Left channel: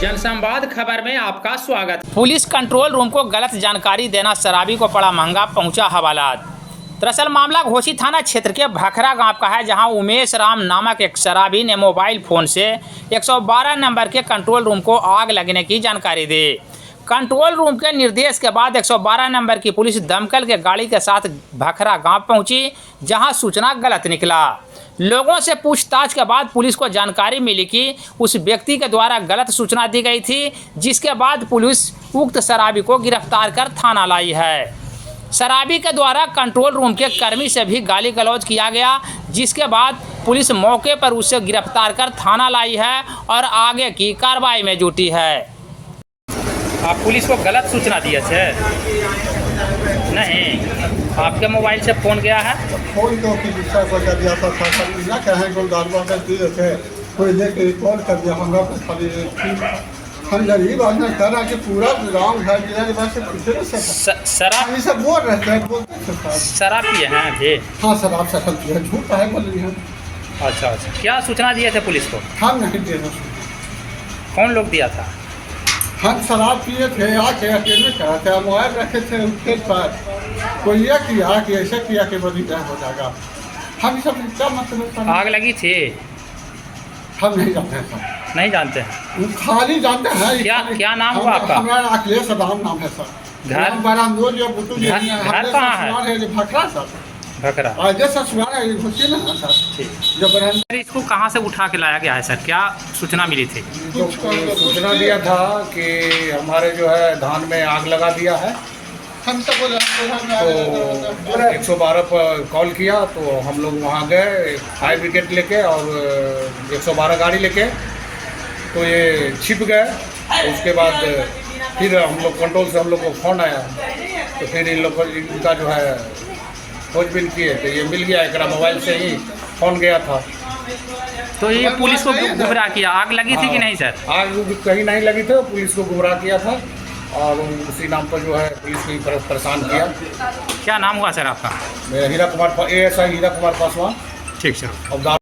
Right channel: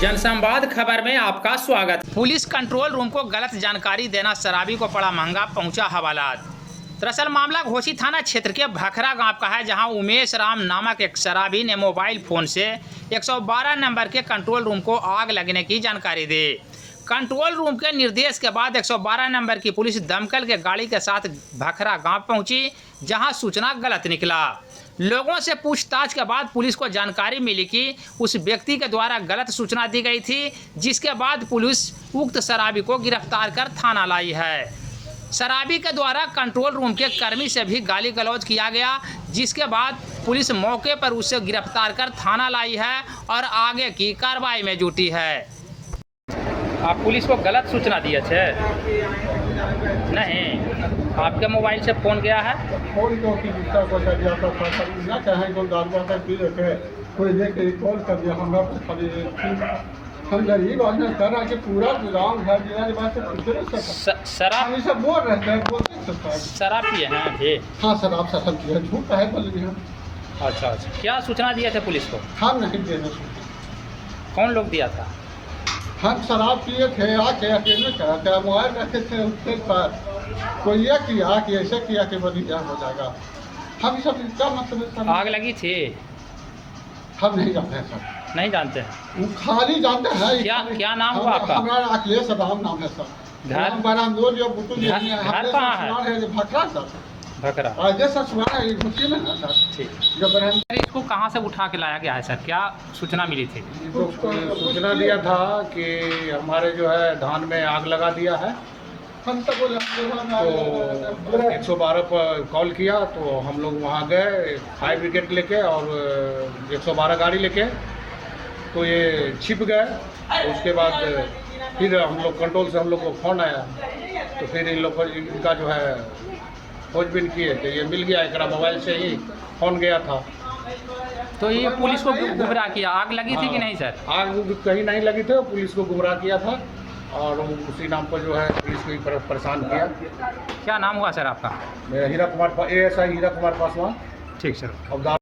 जनसंवाद खबर में आपका स्वागत। पुलिस कंट्रोल रूम को गलत जानकारी देना शराबी को पड़ा महंगा, पहुंचा हवालात। दरअसल मामला घोसी थाना क्षेत्र के भखरा गांव का है, जहां उमेश राम नामक एक शराबी ने मोबाइल फोन से 112 नंबर के कंट्रोल रूम को आग लगने की जानकारी दी। कंट्रोल रूम के निर्देश के बाद 112 नंबर की पुलिस दमकल के गाड़ी के साथ भखरा गांव पहुंची, जहां सूचना गलत निकला। लोगों से पूछताछ के बाद पुलिस को जानकारी मिली कि उस व्यक्ति के द्वारा गलत सूचना दी गई थी, जिसके बाद पुलिस उक्त शराबी को गिरफ्तार कर थाना लाई है। शराबी के द्वारा कंट्रोल रूम के कर्मी से भी गाली गलौज किया गया, जिसके बाद पुलिस मौके पर उसे गिरफ्तार कर थाना लाई है और आगे की कार्रवाई में जुटी है। आप पुलिस को गलत सूचना दिए थे? नहीं, आपके मोबाइल से फोन गया है? फोन तो कि दूसरा को कर दिया था, ना कहें को गालवा कर दिए थे, कोई लेके रिकॉर्ड कर दिया हमरा को। हम गरीब आदमी कह रहा कि पूरा रॉन्ग है, मेरे पास से पूछे ना शराब ये सब बोल रहे थे, बोलते शराब पिए हैं जी? हाँ शराब सफल किया, झूठ है बोल रही हम। अच्छा, क्या सूचना दिए थे पुलिस को? हम नहीं दे रहे। कौन लोग दिया था? हम शराब पिए थे, आके अकेले कहा था, मोबाइल रखे थे उसके पर, कोई ये किया कि ऐसे किया कि बड़ी क्या हो जाएगा। हम सब क्या मतलब आग लगी थी? हम नहीं जानते हैं सर। नहीं जानते हैं? खाली जानते हैं। क्या नाम हुआ आपका? हमारा अखिलेश राम नाम है सर। घर कहाँ है? भखरा सर। भखरा। आगे ससुराल है, घुसी में सर। जो इसको कहाँ से उठा के लाया गया है सर? क्या सूचना मिली थी? सूचना दिया था कि हमारे जो है धान में आग लगा दिया है, तो 112 पर कॉल किया, तो हम लोग वहाँ गए फायर ब्रिगेड लेके और 112 गाड़ी लेके, तो ये छिप गए। उसके बाद फिर हम लोग कंट्रोल से हम लोग को फ़ोन आया, तो फिर इन लोग इनका जो है खोजबीन किए, तो ये मिल गया। एक मोबाइल से ही फ़ोन गया था। तो ये पुलिस को गुमराह किया। आग लगी थी कि नहीं सर? आग कहीं नहीं लगी थी, पुलिस को गुमराह किया था और उसी नाम पर जो है पुलिस को परेशान किया। क्या नाम हुआ सर आपका? हीरा कुमार, ASI हीरा कुमार पासवान। ठीक सर।